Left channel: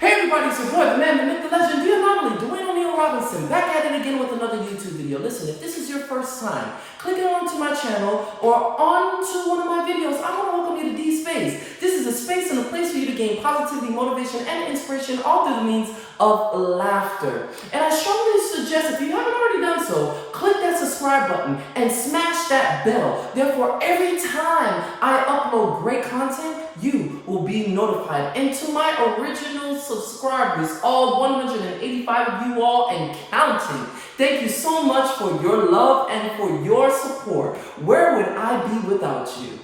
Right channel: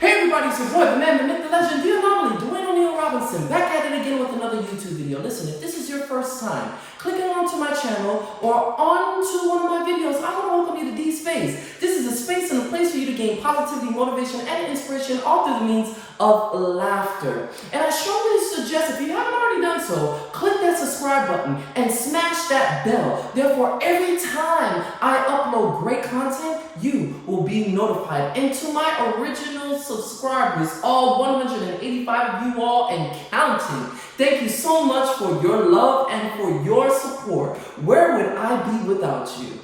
Hey everybody, it's your boy, the man, the myth, the legend, the anomaly, Dwayne O'Neal Robinson, back at it again with another YouTube video. Listen, if this is your first time clicking onto my channel or onto one of my videos, I want to welcome you to D's Space. This is a space and a place for you to gain positivity, motivation, and inspiration all through the means of laughter. And I strongly suggest, if you haven't already done so, click that subscribe button and smash that bell. Therefore, every time I upload great content, you will be notified. And to my original subscribers, all 185 of you all and counting, thank you so much for your love and for your support. Where would I be without you?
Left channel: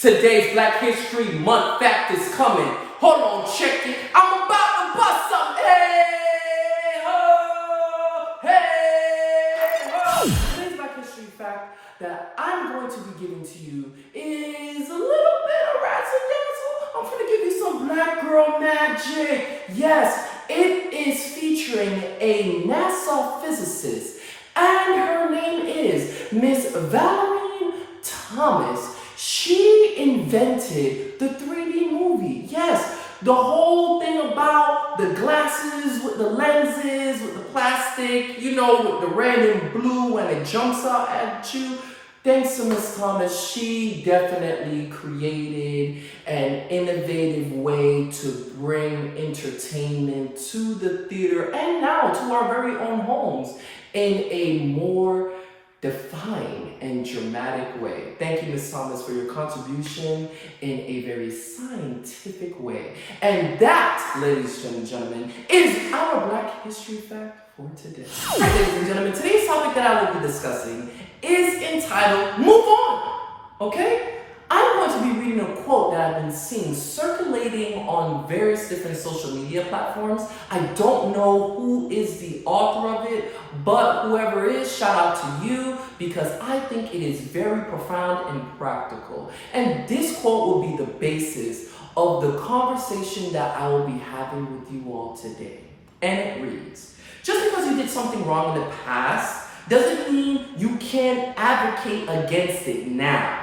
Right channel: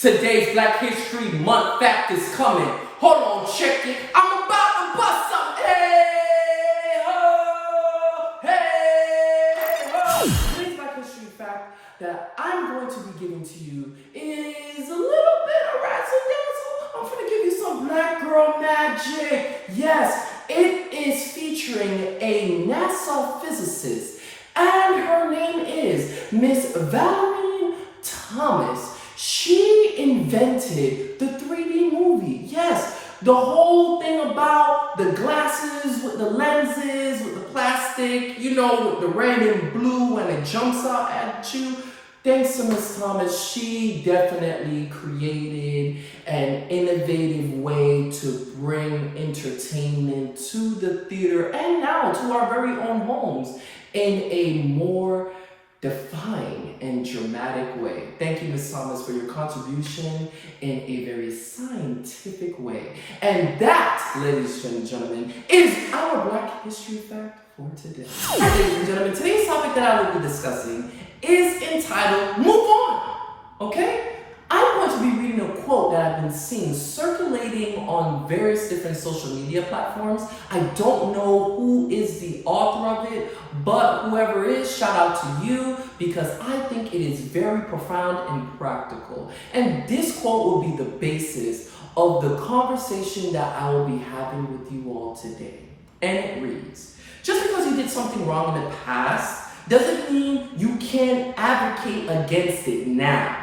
Today's Black History Month fact is coming. Hold on, check it. I'm about to bust some. Hey ho, hey ho. Today's Black History fact that I'm going to be giving to you is a little bit of razzle-dazzle. I'm gonna give you some black girl magic. Yes, it is featuring a NASA physicist, and her name is Miss Valerie Thomas. She invented the 3D movie. Yes, the whole thing about the glasses with the lenses, with the plastic, you know, with the red and blue and it jumps out at you. Thanks to Miss Thomas, she definitely created an innovative way to bring entertainment to the theater and now to our very own homes in a more defined and dramatic way. Thank you, Ms. Thomas, for your contribution in a very scientific way. And that, ladies and gentlemen, is our Black History fact for today. Ladies and gentlemen, today's topic that I will be discussing is entitled Move On, okay? I'm going to be reading a quote that I've been seeing circulating on various different social media platforms. I don't know who is the author of it, but whoever is, shout out to you, because I think it is very profound and practical. And this quote will be the basis of the conversation that I will be having with you all today. And it reads, just because you did something wrong in the past doesn't mean you can't advocate against it now.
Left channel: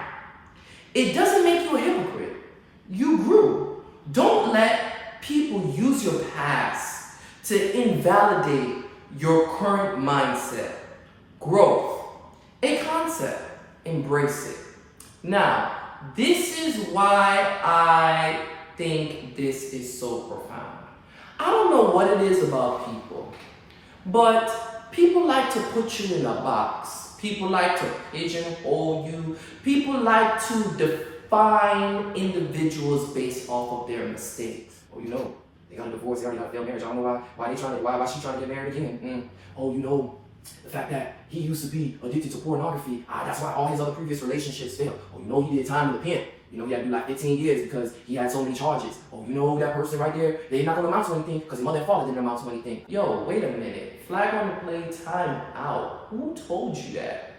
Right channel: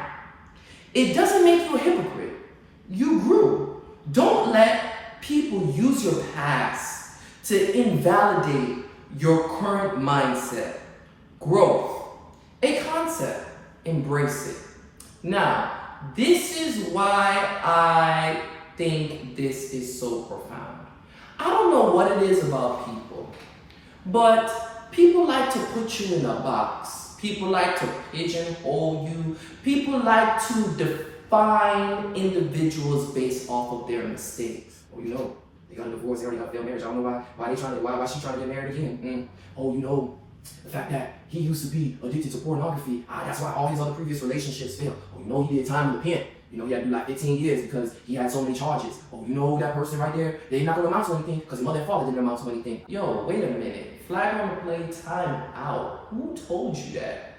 It doesn't make you a hypocrite. You grew. Don't let people use your past to invalidate your current mindset. Growth, a concept, embrace it. Now, this is why I think this is so profound. I don't know what it is about people, but people like to put you in a box. People like to pigeonhole you. People like to define individuals based off of their mistakes. Oh, you know, they got a divorce, they already got a failed marriage. I don't know why she trying to get married again. Oh, you know, the fact that he used to be addicted to pornography. That's why all his other previous relationships failed. Oh, you know, he did time in the pen. You know, he had to do like 15 years because he had so many charges. Oh, you know that person right there? They're not going to amount to anything because his mother and father didn't amount to anything. Yo, wait a minute. Flag on the play, time out. Who told you that?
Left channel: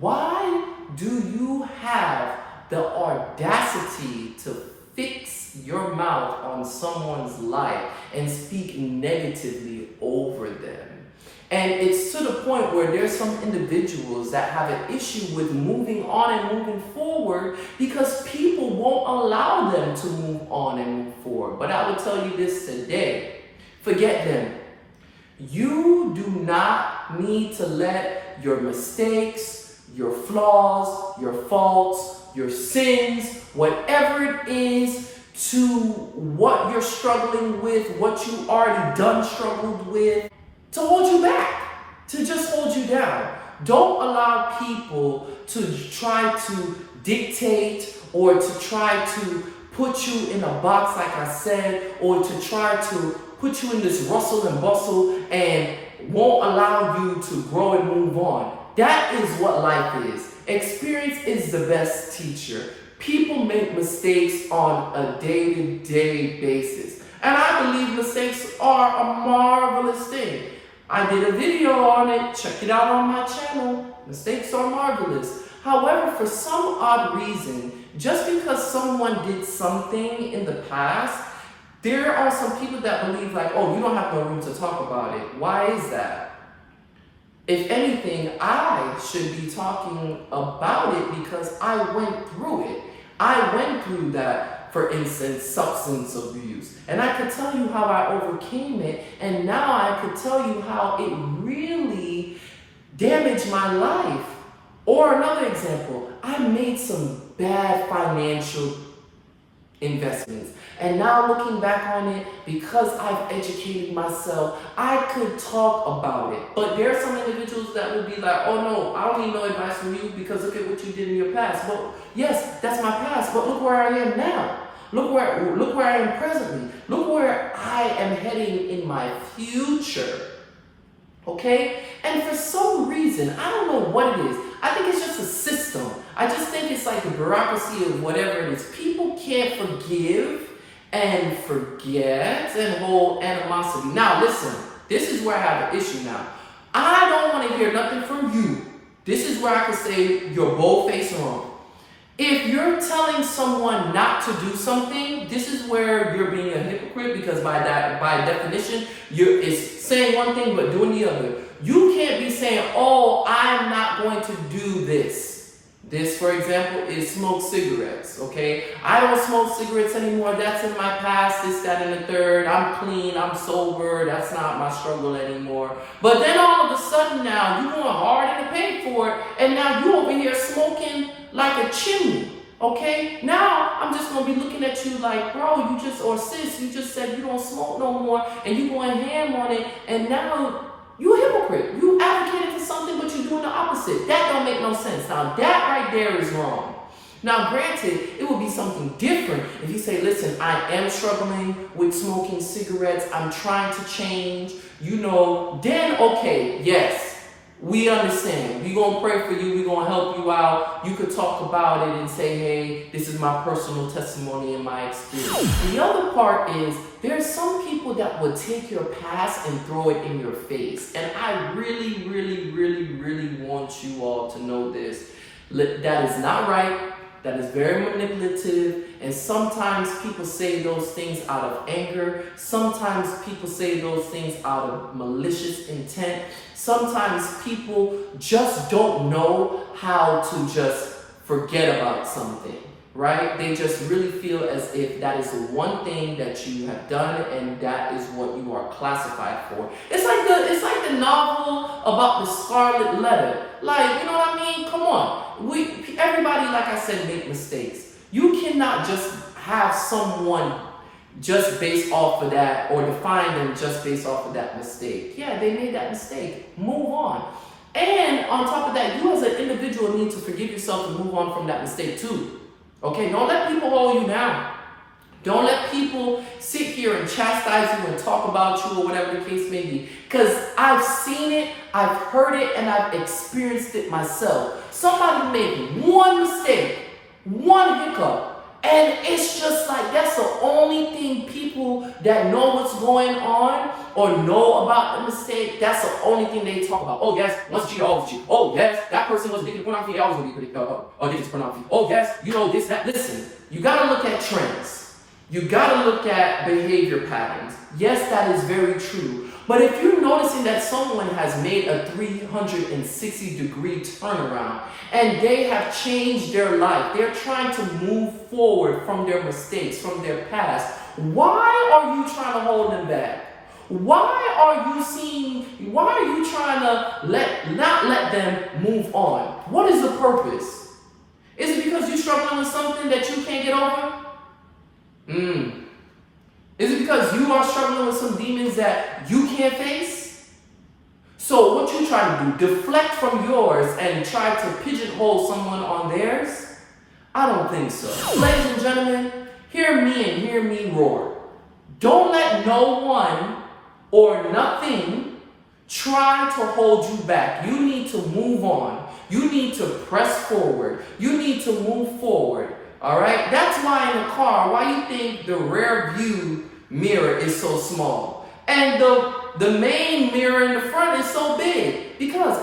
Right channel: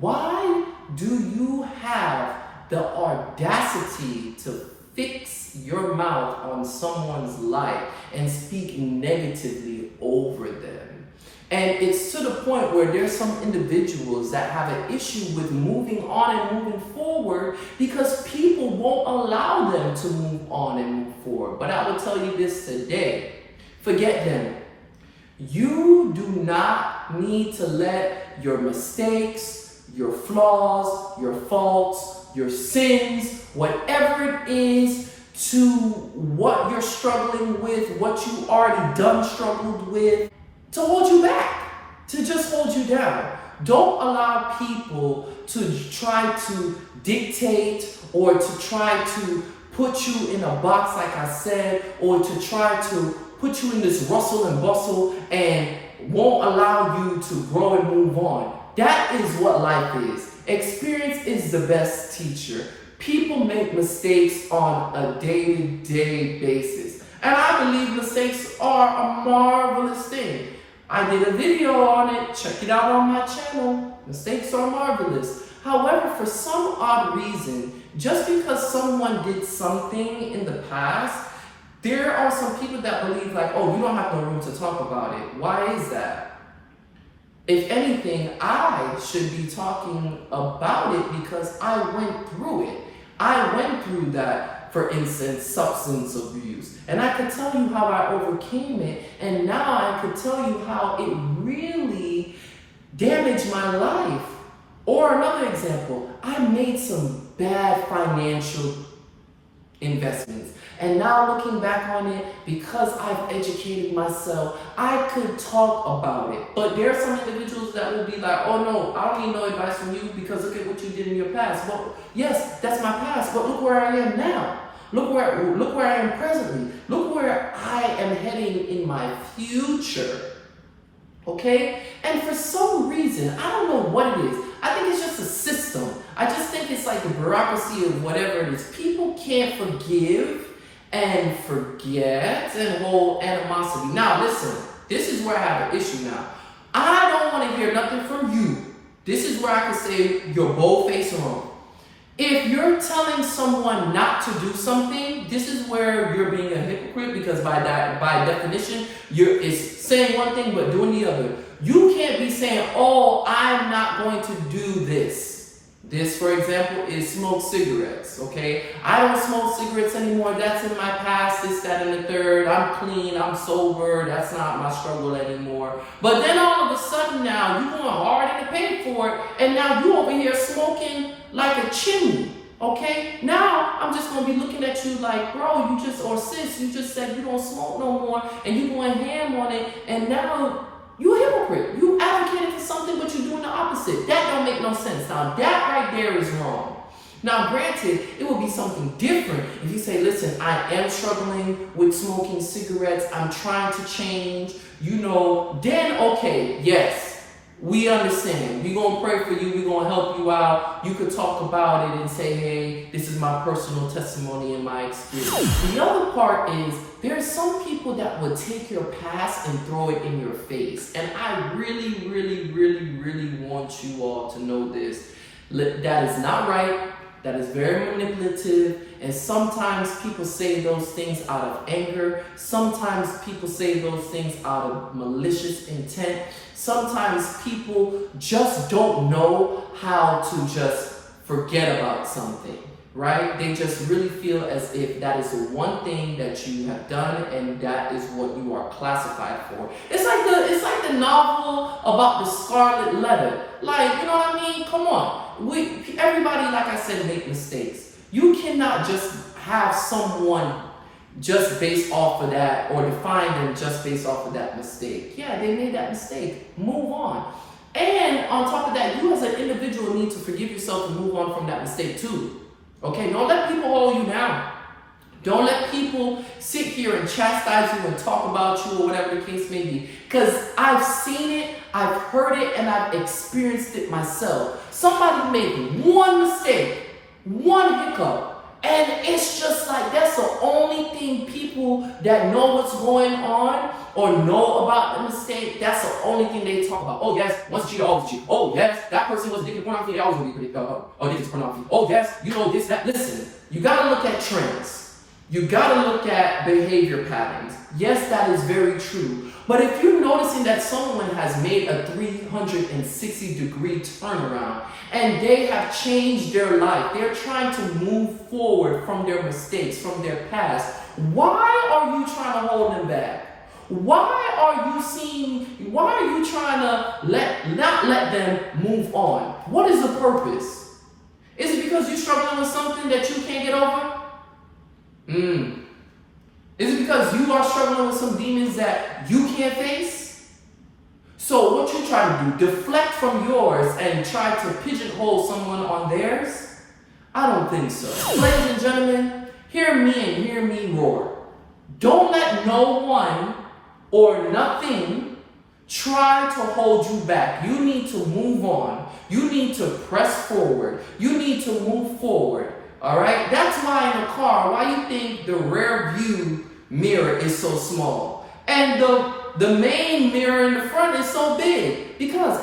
Why do you have the audacity to fix your mouth on someone's life and speak negatively over them? And it's to the point where there's some individuals that have an issue with moving on and moving forward because people won't allow them to move on and move forward. But I will tell you this today, forget them. You do not need to let your mistakes, your flaws, your faults, your sins, whatever it is, to what you're struggling with, what you already done struggled with, to hold you back, to just hold you down. Don't allow people to try to dictate or to try to put you in a box, like I said, or to try to put you in this rustle and bustle and won't allow you to grow and move on. That is what life is. Experience is the best teacher. People make mistakes on a day-to-day basis. And I believe mistakes are a marvelous thing. I did a video on it. Check it out on my channel. Mistakes are marvelous. However, for some odd reason, just because someone did something in the past, there are some people that believe like, oh, you don't have no room to talk about it. Why is that? If anything, I should be talking about it because I went through it. I went through that, for instance, substance abuse. And I could tell you how I overcame it. And now I could tell you how it really damaged my life. Or another example, I made some bad financial investments. And now looking back on it, because I've educated myself, I could talk about it. But there are some individuals that will be like, oh no, I don't need no advice from you because look at what you did in your past. Well, yes, that's my past, but look where I am now. Look where I am presently. Look where I am heading in my future. Okay? And for some reason, I don't know what it is. I think it's just a system. I just think it's like the bureaucracy of whatever it is. People can't forgive and forget and hold animosity. Now, listen, this is where I have an issue now. I don't want to hear nothing from you. This is where I can say you're bold-faced wrong. If you're telling someone not to do something, this is where you're being a hypocrite because by definition, it's saying one thing but doing the other. You can't be saying, oh, I'm not going to do this. This, for example, is smoke cigarettes, okay? I don't smoke cigarettes anymore. That's in my past, this, that, and the third. I'm clean, I'm sober. That's not my struggle anymore. But then all of a sudden now, you're going hard and pay for it, and now you over here smoking like a chimney, okay? Now, I'm just going to be looking at you like, bro, or sis, you just said you don't smoke no more, and you going ham on it, and now you a hypocrite. You advocated for something, but you're doing the opposite. That don't make no sense. Now, that right there is wrong. Now, granted, it would be something different if you say, listen, I am struggling with smoking cigarettes. I'm trying to change, then okay, yes. We understand. We're going to pray for you. We're going to help you out. You could talk about it and say, hey, this is my personal testimony and my experience. The other part is there's some people that would take your past and throw it in your face. And I really, really, really, really want you all to know this. That is not right. That is very manipulative. And sometimes people say those things out of anger. Sometimes people say those things out of malicious intent. Sometimes people just don't know how to just forget about something, right? They just really feel as if that is the one thing that you have done and that is what you are classified for. It's like the novel about the Scarlet Letter. Like, you know what I mean? Come on. Everybody, like I said, make mistakes. You cannot just have someone just based off of that or define them just based off of that mistake. Yeah, they made that mistake. Move on. And on top of that, you as an individual need to forgive yourself and move on from that mistake too. Okay, don't let people hold you down. Don't let people sit here and chastise you and talk about you or whatever the case may be. Because I've seen it, I've heard it, and I've experienced it myself. Somebody made one mistake, one hiccup, and it's just like that's the only thing people that know what's going on or know about the mistake, that's the only thing they talk about. Oh yes, once cheat, always cheat. Oh yes, that person was addicted to pornography, they always going to be addicted to pornography. Oh yes, this, that. Listen, you got to look at trends. You got to look at behavior patterns. Yes, that is very true. But if you're noticing that someone has made a 360-degree turnaround and they have changed their life, they're trying to move forward from their mistakes, from their past, why are you trying to hold them back? Why are you trying to not let them move on? What is the purpose? Is it because you're struggling with something that you can't get over? Is it because you are struggling with some demons that you can't face? So what you try to do, deflect from yours and try to pigeonhole someone on theirs? I don't think so. Ladies and gentlemen, hear me and hear me roar. Don't let no one or nothing try to hold you back. You need to move on. You need to press forward. You need to move forward. All right? That's why in the car, why you think the rear view mirror is so small and the main mirror in the front is so big? Because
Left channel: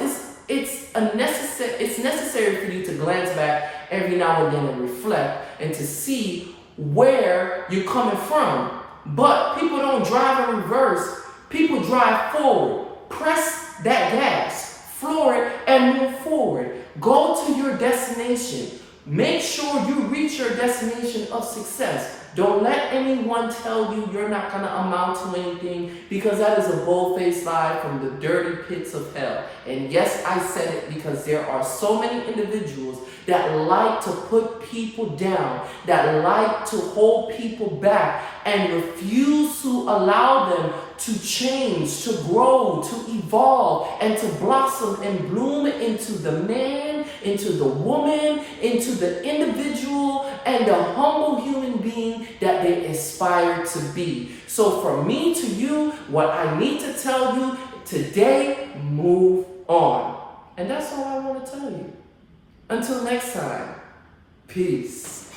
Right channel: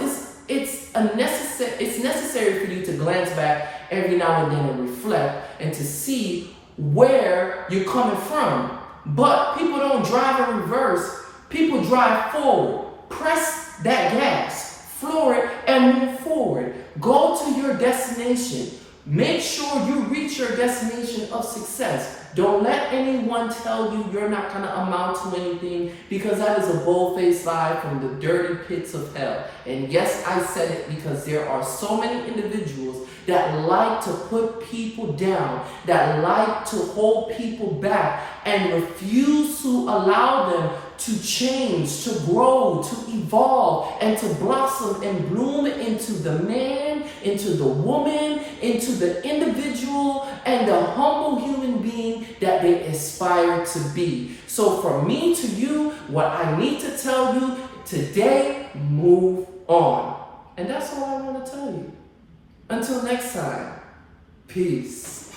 it's necessary for you to glance back every now and then and reflect and to see where you're coming from. But people don't drive in reverse. People drive forward. Press that gas floor it, and move forward. Go to your destination. Make sure you reach your destination of success. Don't let anyone tell you you're not going to amount to anything, because that is a bold-faced lie from the dirty pits of hell. And yes, I said it because there are so many individuals that like to put people down, that like to hold people back, and refuse to allow them to change, to grow, to evolve, and to blossom and bloom into the man, into the woman, into the individual, and the humble human being that they aspire to be. So from me to you, what I need to tell you today, move on. And that's all I want to tell you. Until next time, peace.